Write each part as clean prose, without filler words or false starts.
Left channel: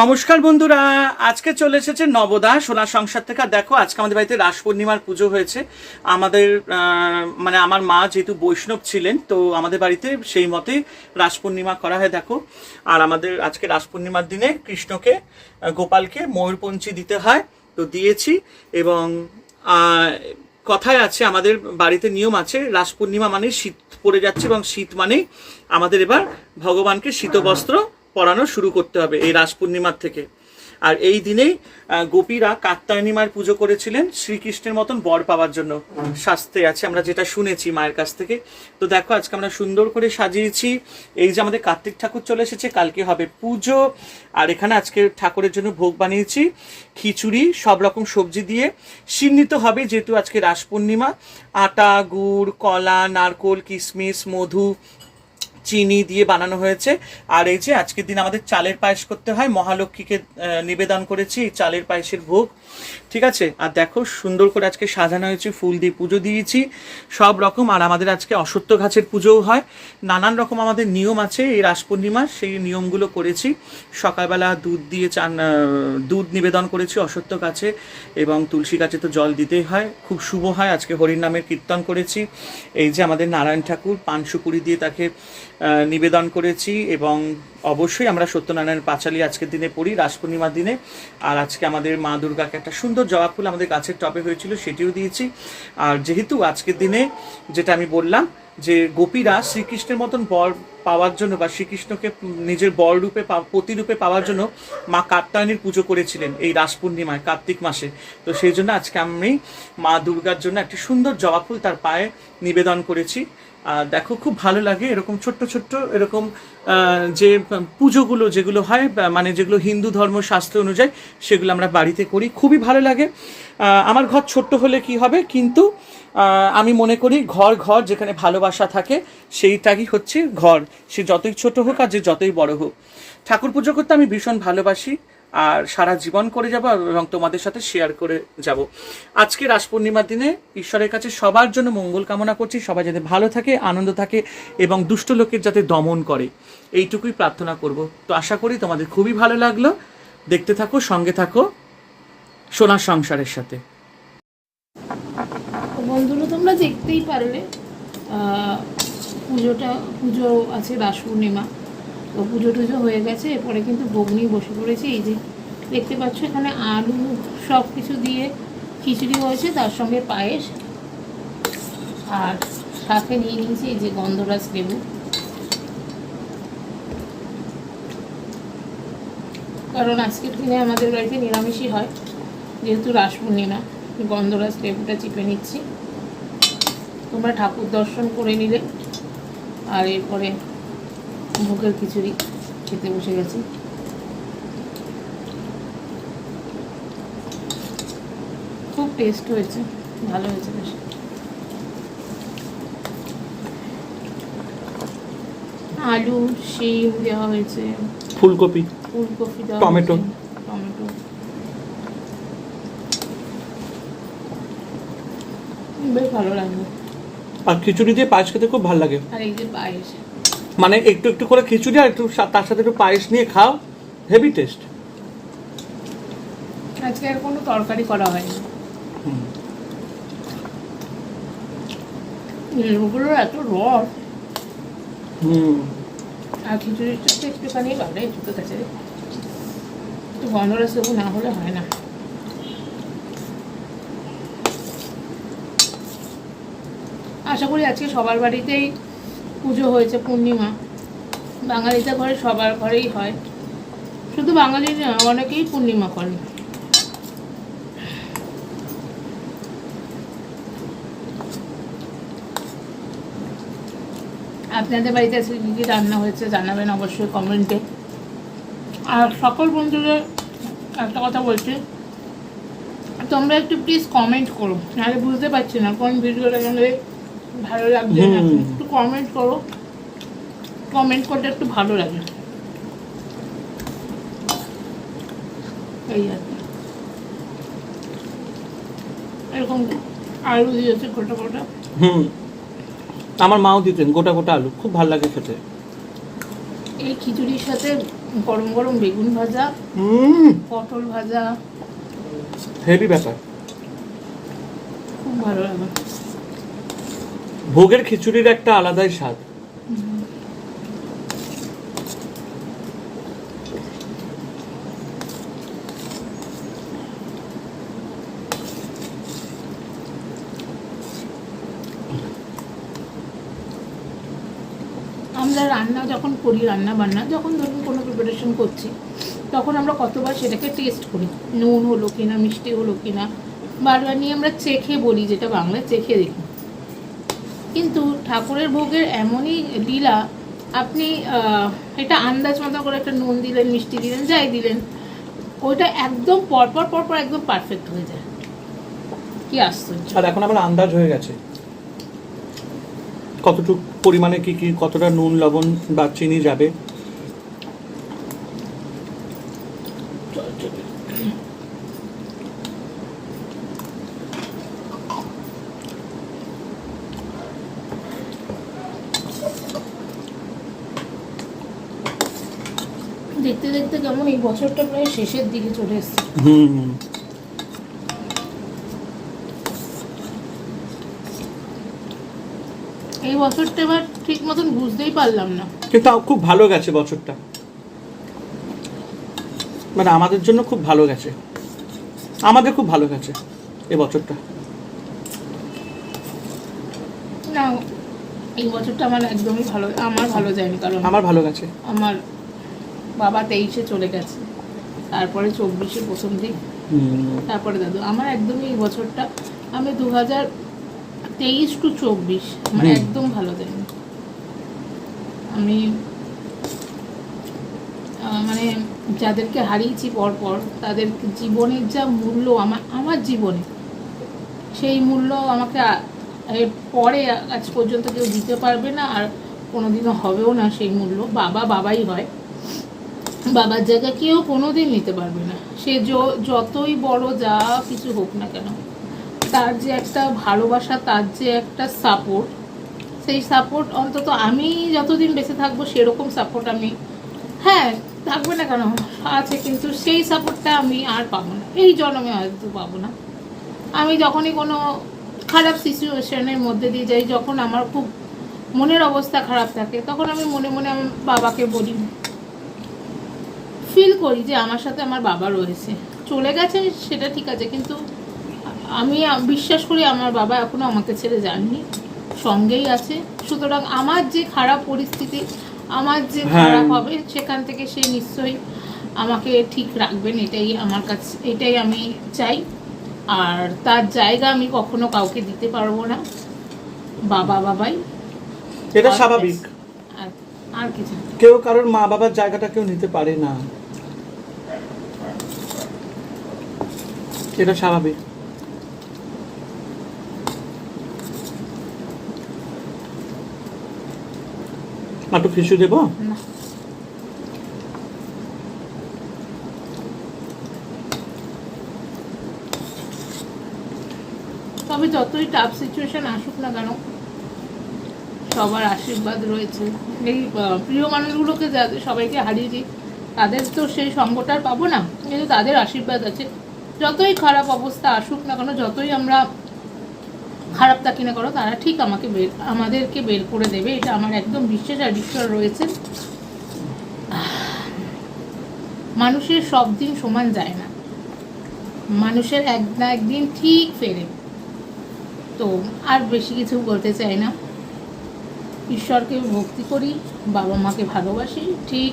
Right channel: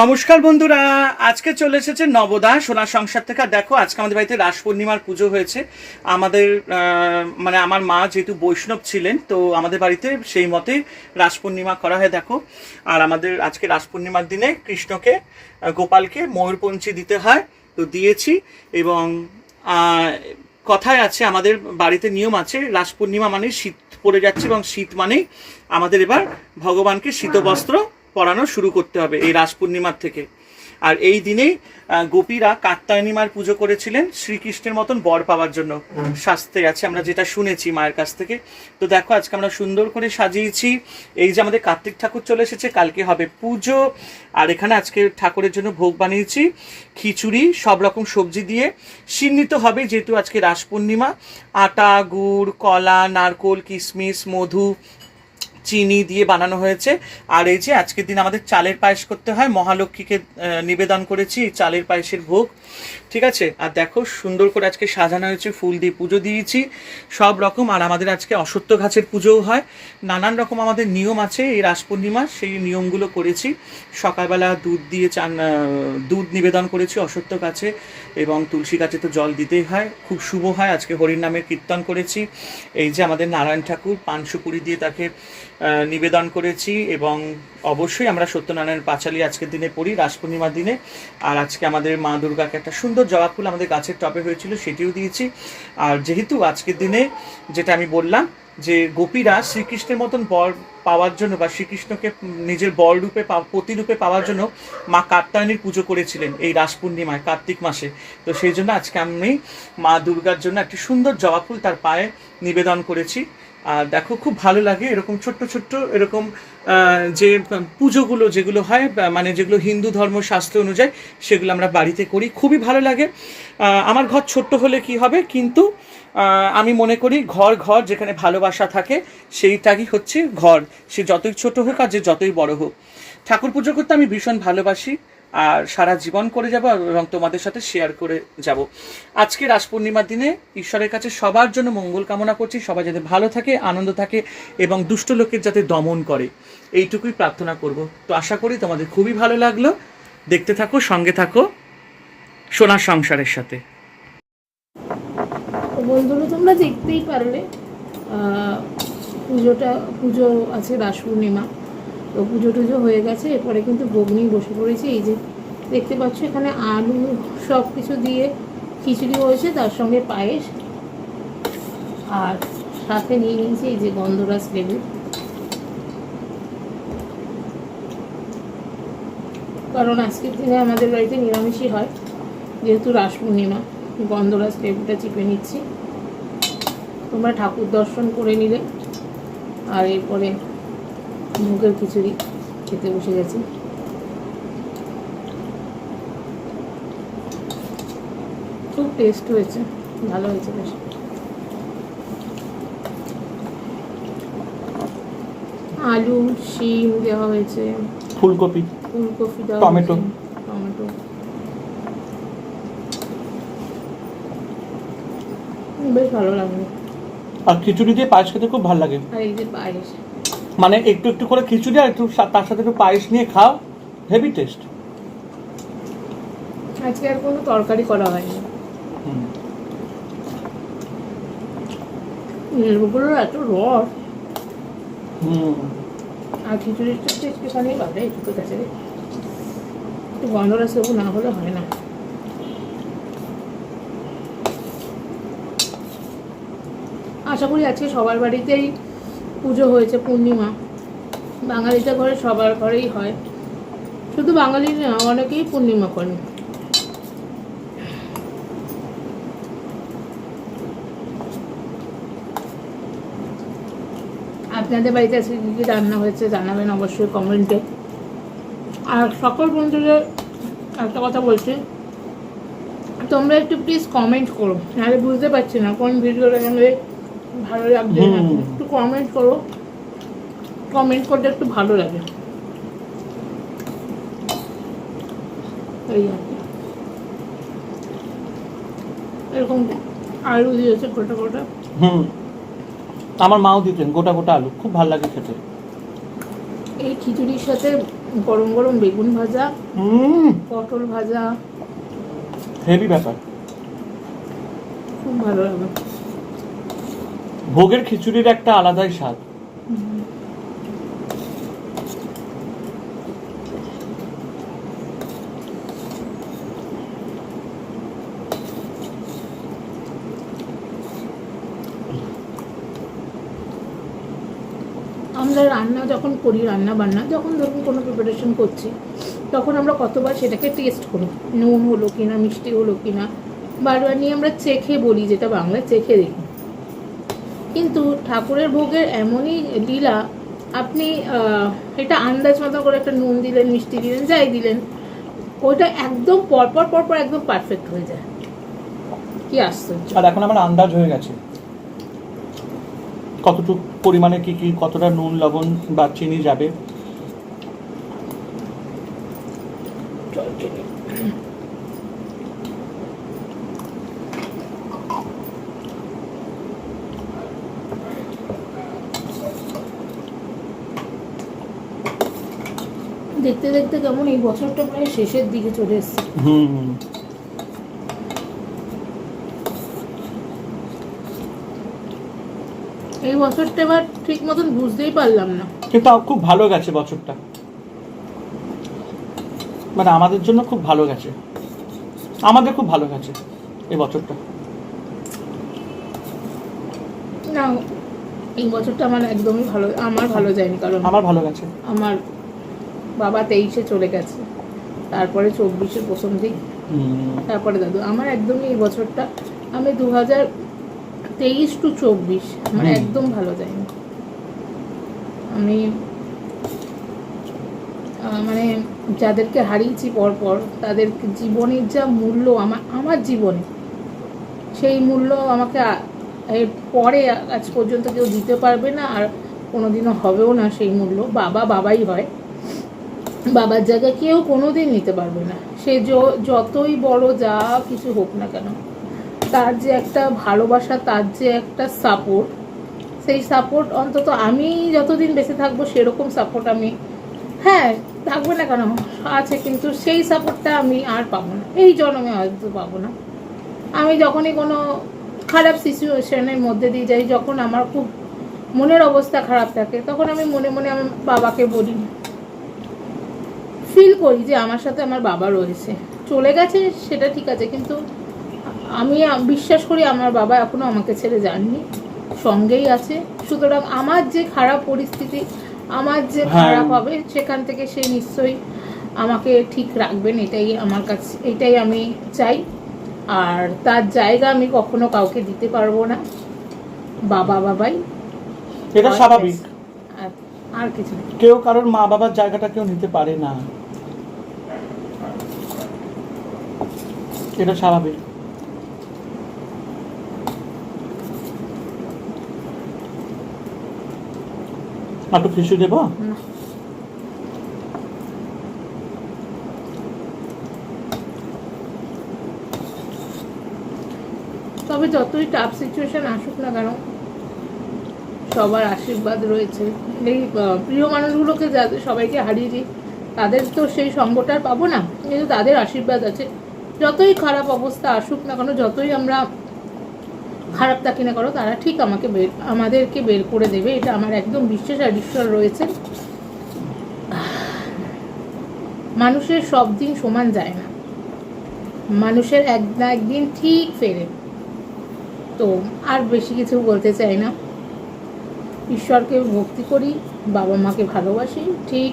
নমস্কার বন্ধুরা, আজকে চলে এসেছে নবদা সোনার সংসার থেকে। দেখো, আজকে আমাদের বাড়িতে রাস পূর্ণিমার পুজো হয়েছে। আমাদের মানে আমার মা যেহেতু বৈষ্ণব ছিলেন, তো আমাদের বাড়িতে সেই মতে রাস পূর্ণিমা করা হয়। দেখো, আর আমাদের আজকে রাস পূর্ণিমার দিনে কৃষ্ণকে গোপালকে ময়ূরপঞ্চি দিতে হয়, তো দিয়েছি। এবং কথায় আছে, আমাদের বাড়িতে নিয়ম আছে, রাস পূর্ণিমা মানে শীত পড়ে যাচ্ছে, এবং শীত মানেই আমাদের এবার ভগবানকে শীতবস্ত্র পরানো শুরু করতে হবে এই রাস পূর্ণিমার থেকে। আর এই দিনেই গোপীরা কাত্যায়নী মায়ের পুজো করেছিলেন শ্রীকৃষ্ণের মতন বর পাওয়ার জন্য, শাস্ত্রে আছে, আমরা যেটা শুনেছি মায়ের কাছ থেকে। তো দেখো, আজকে আমরা সুন্দর করে সাজিয়েছি। এই যে আমাদের কার্তিক ঠাকুর চলে এসেছে, কালকে হবে পুজো। আর এখানে আজকে ঠাকুরের জন্য ভোগ বানিয়েছি, খিচুড়ি, সব রকম সবজি দিয়ে সিন্নিত হবে, যেহেতু আজকে রাস পূর্ণিমা। আটা, গুড়, কলা, নারকোল, কিশমিশ, মধু, চিনি দিয়ে বানানো হয়েছে। আর এই যে আজকের দিন আমাদের চালের পায়েস করতে হয়, মহালক্ষ্মীকে নিবেদন করেছি এই চালের পায়েসের ভোগ, ঠিক আছে। আর দেখো, সুন্দর করে আজকে সাজানো হয়েছে, ফুল দিয়ে পুজো দিয়েছি সব রকম। আর আমাদের আজকে অশ্বত্থ গাছের পুজোও হয়, নানান রকম আমাদের নিয়ম আছে এই রাস পূর্ণিমার, সেই নিয়মগুলো করেছি। সকালবেলা দুধ দিয়ে দুধ নিবেদন করেছি অশ্বত্থ গাছে, এবং তুলসী গাছে তো জল দিতেই হয়, খুব শুভ হয়। আজকে হরির নামের কীর্তন করেছি। এই যে আমাদের নারায়ণ ঠাকুর, পান সুপুরি দিয়ে তাকে নিবেদন করেছি। এবং অবশ্যই আমরা সত্যনারায়ণের পাঁচালি আজকের দিনে পড়ি রাস পূর্ণিমার দিনে। আর আজকে আমাদের মা দুর্গাকে একটা সুন্দর জবা ফুল আমাদের গাছের টবে হয়েছিল, সেটিও দিয়েছি। আর যেহেতু আজকের দিনে যেটা আমি বললাম যে গোপীরা শ্রীকৃষ্ণের মতন বর পাওয়ার জন্য, বা শ্রীকৃষ্ণকে নিজের বর রূপে প্রতিরূপে পাওয়ার জন্য মা কাত্যায়নীর পুজো করেছিলেন এই রাস পূর্ণিমায় কার্তিক মাসে। তো সেই জন্য আজকে আমি মা দুর্গার জন্য একটি সুন্দর জবা ফুল তার পায়ে নিবেদন করেছি। আর দেখো, খুব ভালো লাগে এরকম ছোট্ট ছোট্ট এরকম যে পুজোগুলো যেগুলো হয়, মানে যেগুলো হিন্দু ধর্ম শাস্ত্র অনুযায়ী, সেগুলো আমরা বাড়িতে করি, খুবই ভালো লাগে। আমার ঘর ছোট্ট হলে কি হবে, কিন্তু আমি মনে করি ঘর ঘর যেখানে ভালোবাসা থাকে সেইটাই হচ্ছে ঘর, সে যতই ছোট হোক আর যে যতই বড় হোক। ঠাকুর পুজো করতে আমি ভীষণ ভালোবাসি, আর সারা জীবন করে যাব, এবং তোমাদের সাথে শেয়ার করে যাব। আজকে রাস পূর্ণিমার দিনে ঈশ্বরের কাছে সবার জন্য মঙ্গল কামনা করছি, সবাই যাতে ভালো থাকে, আনন্দ থাকে, এবং দুষ্ট লোকের যাতে দমন করে, এইটুকুই প্রার্থনা করব। তো আশা করি তোমাদের খুবই ভালো লাগলো। দেখতে থাকো, সঙ্গে থাকো সোনার সংসারের সাথে। বন্ধুরা, তোমরা দেখতেই পারবে পুজো আছে রাস পূর্ণিমা, তো পুজো টুজো হয়ে গেছে। এরপরে কিন্তু ভোগ নিয়ে বসে পড়েছি। এই যে দেখতে পাচ্ছ, এখানে আলু সব কিছু দিয়ে খিচুড়ি হয়েছে, তার সঙ্গে পায়েস, আর সাথে নিয়ে নিয়েছি এই যে গন্ধরাজ লেবু। কারণ আজকের দিনে আমাদের বাড়িতে নিরামিষই হয়, যেহেতু রাস পূর্ণিমা। গন্ধরাজ লেবুটা চিপে নিচ্ছি। তোমরা ঠাকুর দর্শন করে নিলে, আর এরপরে ভোগের খিচুড়ি খেতে বসে গেছি। খুব টেস্ট হয়েছে, ভালো হয়েছে বেশ। আলু, শিম দেওয়া হয়েছে, ফুলকপি দেওয়া, টমেটো বেশ ভালো লাগবে। আর খিচুড়ি দিয়ে পায়েস খেতে খুব ভালো লাগে। আর এই যে পায়েস, মানে একটু একটু করে খিচুড়ি আর একটু তার সাথে একটু পায়েস নিয়ে খাও, হেভি টেস্ট। আজকে আর কোনো তরকারি করা হয়নি। লেবুগুলোর এত রস, আর খিচুড়ির সাথে একটুখানি ভাবে একটু কাছে একটু গন্ধরাজ লেবু না হলে হয় না। আশা করি আজকে সবার বাড়িতেই পুজো হয়েছে পূর্ণিমা। বাঙালিদের ঘরে সবার ঘরেই হয়, শুধু বাঙালির না, অনেকেই পূর্ণিমা করে। আপনাদের বাড়িতে আজকে কী কী রান্না হয়েছে জানাবেন অবশ্যই কমেন্টে। আর সকল বন্ধুদের একটা কথা বলছি, তোমরা একটু প্লিজ কমেন্ট করো, নাহলে বুঝতে পারছি না কোন ভিডিওটা তোমাদের ভালো লাগছে না। একটু কমেন্ট করো, কমেন্ট করতে একটু ভালো লাগে। এই আর এরকম আলু দিয়েছে গোটা গোটা। আমার মাও দিতেন গোটা গোটা আলু, খুব ভালো লাগে খেতে। এই খিচুড়ির সাথে গরম গরম বেগুন ভাজা, পটল ভাজা, হেভি ব্যাপার। খুব ভালো লাগে। ভোগের খিচুড়ির একটা আলাদাই স্বাদ। আমরা রান্না যখন করি, রান্না বান্না যখন ধরুন কোনো প্রিপারেশন করছি, তখন আমরা কতবার সেটাকে টেস্ট করি, নুন হলো কিনা, মিষ্টি হলো কিনা, বারবার নিয়ে আমরা চেখে বলি, যেটা বাংলায় চেখে দেখি। কিন্তু ঠাকুরের ভোগের এমনই লীলা, আপনি এটা আন্দাজ মতো করে একটা নুন দিলেন, মিষ্টি দিলেন, যাই দিলেন, ওইটা একদম পরপর পরপর একদম পারফেক্ট হয়ে যায়। কি আশ্চর্য! আর এখন আমার আন্দাজ হয়ে গেছে কতটুকু পরিমাণে কি কি, কতটা নুন, লবণ বা চিনি যাবে। দেখতে দেখতে কেমন এই বছরটা প্রায় শেষের দিকে চলে এসছে। এই বছরটা এবার ঠিক মতন বুঝতেই পারলাম না, কিন্তু খুব ভালো গেছে বছরটা, মানে আমাদের জন্য খুব ভালো গেছে, আমাদের খুব ভালো গেছে এই বছরটা। না, এই বছরটা আমার একদমই ভালো, আমার ভালো যায়নি, কারণ আমার ভালো গেছে। আমার বাবা 23-এ চলে গেছে, তারপরে 24-এ প্রথম দিন, তারপরে দাদু। আমার একদমই এই বছরটা, আমি 2023 টু 24 আমার একদম ভালো যায়নি। আমি মানে যাদেরকে হারিয়েছি পরপর, তাদের জীবনের যা মূল্য আমার জীবনে, সেই মূল্য আমাকে এর পরে আজ পর্যন্ত কেউ দিতে পারবে না, আর কোনোদিনও হবেও না। সেই মূল্য বাবাই হয়, বাবার জায়গায় কেউ কোনোদিন নিতে পারবে না। সে যতই বড় যা কিছু হোক না কেন, তার যে একটা ভালোবাসা, তার যে একটা সাপোর্ট, সেই সাপোর্ট অন্তত আমি যতদিন বেঁচে থাকবো সেরকম সাপোর্ট আমি, হ্যাঁ থাকবে না কেন, আছে, কিন্তু সেই সাপোর্টটা আমি আর পাবো না, এই জন্মে হয়তো পাবো না। আমি যখনই কোনো খারাপ সিচুয়েশনের মধ্যে দিয়ে যাই, যখন আমার খুব মনের অবস্থা খারাপ থাকে, তখন আমি মনে মনে আমার বাবাকে বলি, ফিল করি যে আমার সাথে আমার বাবা রয়েছে। চলে গেছে সেটা ঠিক আছে, কিন্তু আমি বিশ্বাস করি আমার বাবা এখনো আমাকে ছেড়ে যাননি, সঙ্গেই আছে। সুতরাং আমার যে খারাপ পরিস্থিতি, আমার যে খারাপ হবে, সেখান থেকে সে নিশ্চয়ই আমাকে ঠিক রাখবেন, এটাই আমার কাছে, এটাই আমি চাই। আর তার জায়গা আমি কখনো কাউকে দিতে পারবো না, বাবাই, এটা স্বাভাবিক। আর কিছু কেউ কারোর মা বাবার জায়গাটা কেউ নিতে পারে না, এটা স্বাভাবিক। একটু খিচুড়ি দেবো? তবে যতই টাফ সিচুয়েশন আসুক না কেন, সবার আশীর্বাদ রয়েছে। এই প্রিয় মানুষগুলোকে যাদের সবাইকে হারিয়েছি, তাদের তো সেই সঙ্গটা পাবো না, কিন্তু তাদের আশীর্বাদ আছে। যতই খারাপ অবস্থা আসুক না কেন, যতই আমরা খারাপ থাকি না কেন, তারা ঠিক আমাদেরকে বের করে দেবে, এটা আমার একদম বিশ্বাস আর বিশ্বাস রয়েছে। মানুষের সব দিন সমান যায় না, মানুষের এক না একদিন ঠিক ফেরে। তো আর বেশি কিছু বলতে চাই না, ঈশ্বরকে ভক্তি করি, বাবা মাকে ভালোবাসি, ঠিক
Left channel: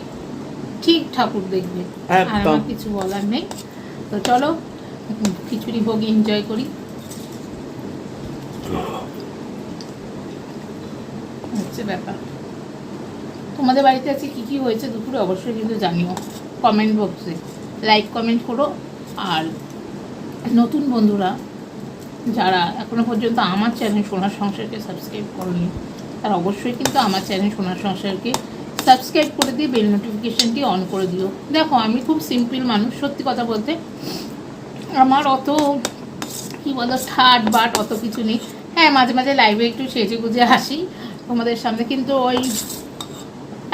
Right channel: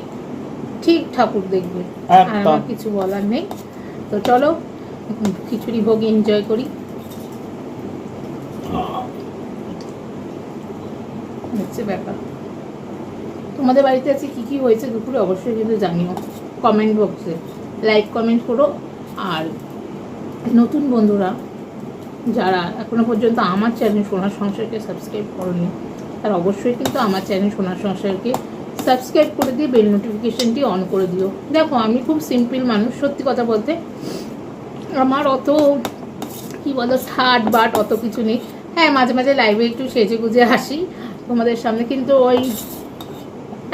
ঠিক ঠাকুর দেখবে, আর আমার কিছু বলার নেই। তো চলো খিচুড়ি ভোগ এনজয় করি। হচ্ছে ব্যাপার। তোমাদের বাড়িতে আছে কি কি হয়েছে দুপুরে অবশ্যই কিন্তু জানিও, কমেন্ট বক্সে লাইক কমেন্ট করো। আর নতুন বন্ধুরা যারা এখনো পর্যন্ত আমার চ্যানেল সোনার সংসারকে সাবস্ক্রাইব করনি, তারা অবশ্যই কিন্তু আমার চ্যানেল সোনার সংসারকে সাবস্ক্রাইব করে দিয়ে বেল নোটিফিকেশনটি অন করে দিও। দেখো আমি খুব সিম্পল মানুষ, সত্যি কথা বলতে আমার অত কী বলো ঠাট বাট অত কিছু নেই। হ্যাঁ মাঝে মাঝে লাইভে একটু সেজে গুজে আসি তোমাদের সামনে, কিন্তু ওই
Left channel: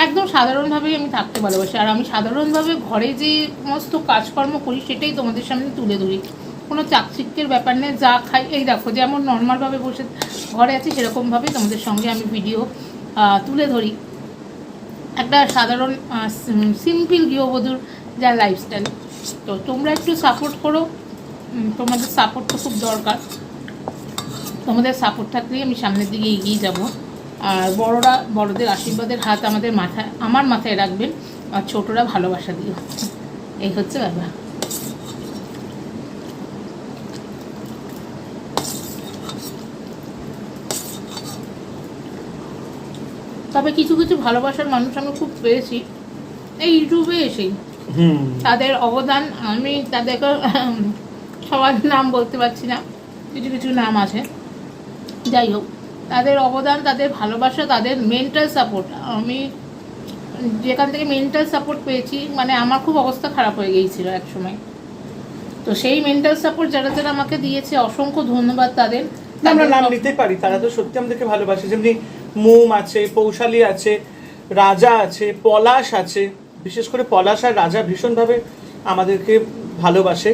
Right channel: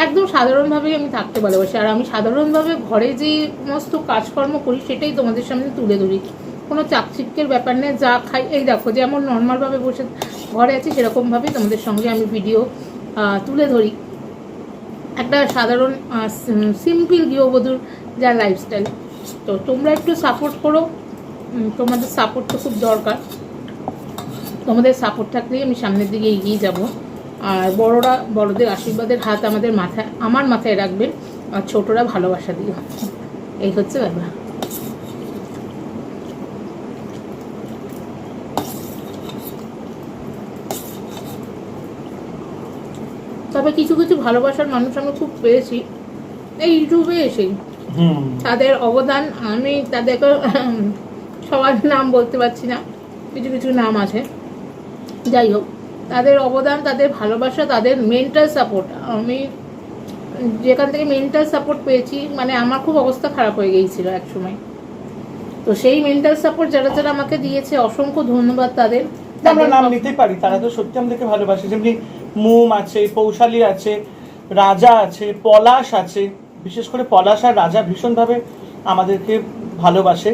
একদম সাধারণভাবেই আমি থাকতে ভালোবাসি। আর আমি সাধারণভাবে ঘরে যে সমস্ত কাজকর্ম করি সেটাই তোমাদের সামনে তুলে ধরি, কোনো চাকচিক্যের ব্যাপার নেই। যা খাই এই দেখো, যেমন নর্মালভাবে বসে ঘরে আছি সেরকমভাবেই তোমাদের সঙ্গে আমি ভিডিও তুলে ধরি। একটা সাধারণ সিম্পল গৃহবধূর যা লাইফস্টাইল। তো তোমরা একটু সাপোর্ট করো, তোমাদের সাপোর্ট তো খুব দরকার। তোমাদের সাপোর্ট থাকলেই আমি সামনের দিকে এগিয়ে যাব। আর বড়রা বড়দের আশীর্বাদের হাত আমার মাথায় রাখবেন, আর ছোটরা ভালোবাসা দিও। এই হচ্ছে ব্যাপার। তবে কিছু কিছু ভালোবাসার মানুষ আমি খুব পেয়েছি এই ইউটিউবে এসেই। তাদের অবদান, আমি তাদেরকে সবার নাম বলতে পারছি না, কিছু কিছু নাম আছে, যাই হোক, তাদের অবদান, তাদের ভালোবাসা, তাদের মেন্টাল সাপোর্ট, আমি যেখান থেকে মেন্টাল সাপোর্ট পেয়েছি, মানে আমার খুব অবস্থা খারাপ হয়ে গিয়েছিল এক সময়। তো সেই মেন্টাল সাপোর্ট যারা যারা আমাকে দিয়েছে, অসংখ্য ধন্যবাদ তাদের। আমরা নাম নিতেই পারি, তারা তো সত্যি আমাদেরকে ভালোবাসে। যেমনি মোম আছে, পৌশালী আছে, রাজা আছে, পলাশ আছে। বিশেষ করে পলাশ আর রাজা ভীষণভাবে আমাদেরকে ভালোবাসে।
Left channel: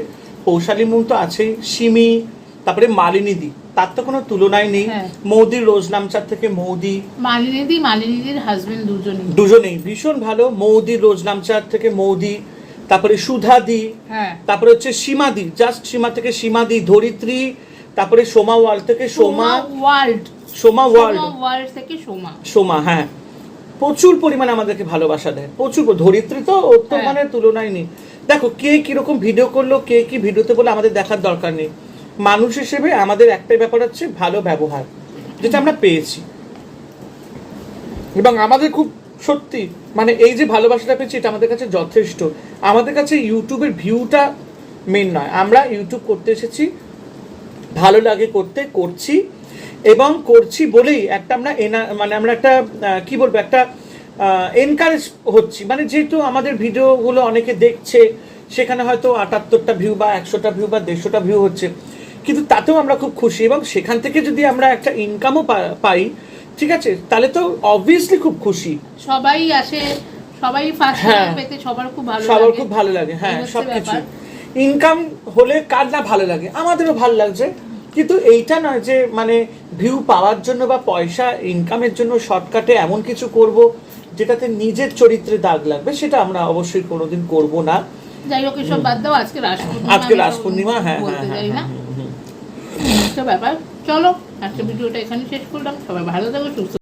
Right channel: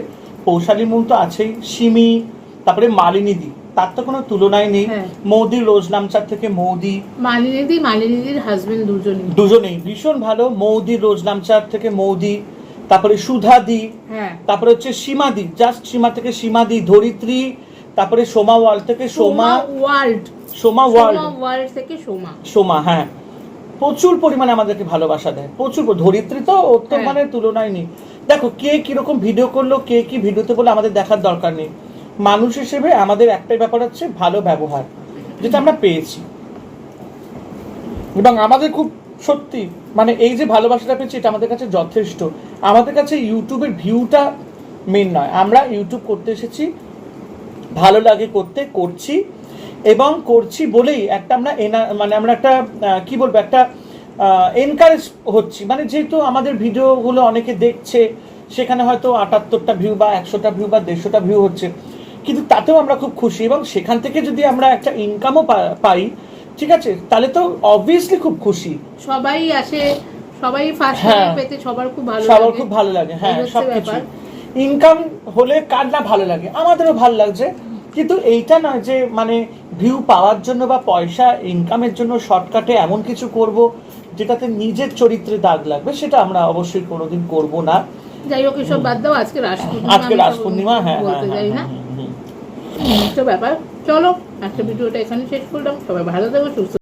পৌশালী মোম তো আছেই, সিমি, তারপরে মালিনীদি, তার তো কোনো তুলনাই নেই। মৌদি, রোজ নামচার থেকে মৌদি, মালিনীদির হাজবেন্ড দুজনেই ভীষণ ভালো। মৌদি, রোজ নামচার থেকে মৌদি, তারপরে সুধাদি, তারপরে হচ্ছে সীমাদি, জাস্ট সীমা থেকে সীমাদি, ধরিত্রী, তারপরে সোমা ওয়ার্ল্ড থেকে সোমা ওয়ার্ল্ড থেকে সোমা। হ্যাঁ, প্রচুর পরিমাণে আমাদেরকে ভালোবাসা দেয়, প্রচুর। ধরিত্রী তো ওর তো মানে তুলনায় নেই। দেখো কে কিরকম ভিডিও করলো, কে কি ভিডিওতে বলে আমাদের দেখার দরকার নেই। মানুষ হিসেবে আমাদের একটাই ব্যাপার হচ্ছে ভালো ব্যবহার, যেটা আমরা পেয়েছি। এবং আমাদের খুব সত্যি মানে এই যে ভালোবাসাটা পেয়েছি, এটা আমাদের কাছে যথেষ্ট। আমাদের কাছে ইউটিউবের ভিউটা মেন নয়, আমরা ইউটিউব করতে এসেছি, ভালো লাগে করতে, করছি, এবং করছি বলেই একটা আমরা মানে আমরা একটা কি বলবো, একটা এনকারেজ হচ্ছি। মানে যেহেতু আমাদের ভিডিওগুলো অনেকে দেখছে, সেখানে হয়তো 78টা ভিউ বা 100টা ভিউ বা 150টা ভিউ হচ্ছে, কিন্তু তাতেও আমরা খুব খুশি। এবং সেখান থেকে যদি আমরা একটা ইনকামও পাই, ঠিক আছে, তাহলে তো অবভিয়াসলি খুব খুশি। সবাই আসে, সবাই ফার্স্ট পেতে সবার খুব ভালো লাগে। হ্যাঁ, সবকিছু ইনকাম হলে কার না ভালো লাগে, আমাদেরও ভালো লাগছে। কিন্তু এইটা নয় যে মানে ভিউ পাওয়ার জন্য বা পয়সা ইনকামের জন্য শর্টকাটে এমন কিছু করব যেটাতে নিজের চরিত্রে দাগ লাগবে, সেটা আমরা অবশ্যই কোনোদিন করব না। যাই হোক, এসব বাদ দাও, আজকে রাস পূর্ণিমা। হ্যাঁ, বলতে যাই না তো ব্যাপার। চলো আজকে ভিডিওটা এখানে শেষ করলাম। সবাই ভালো থাকো, সুস্থ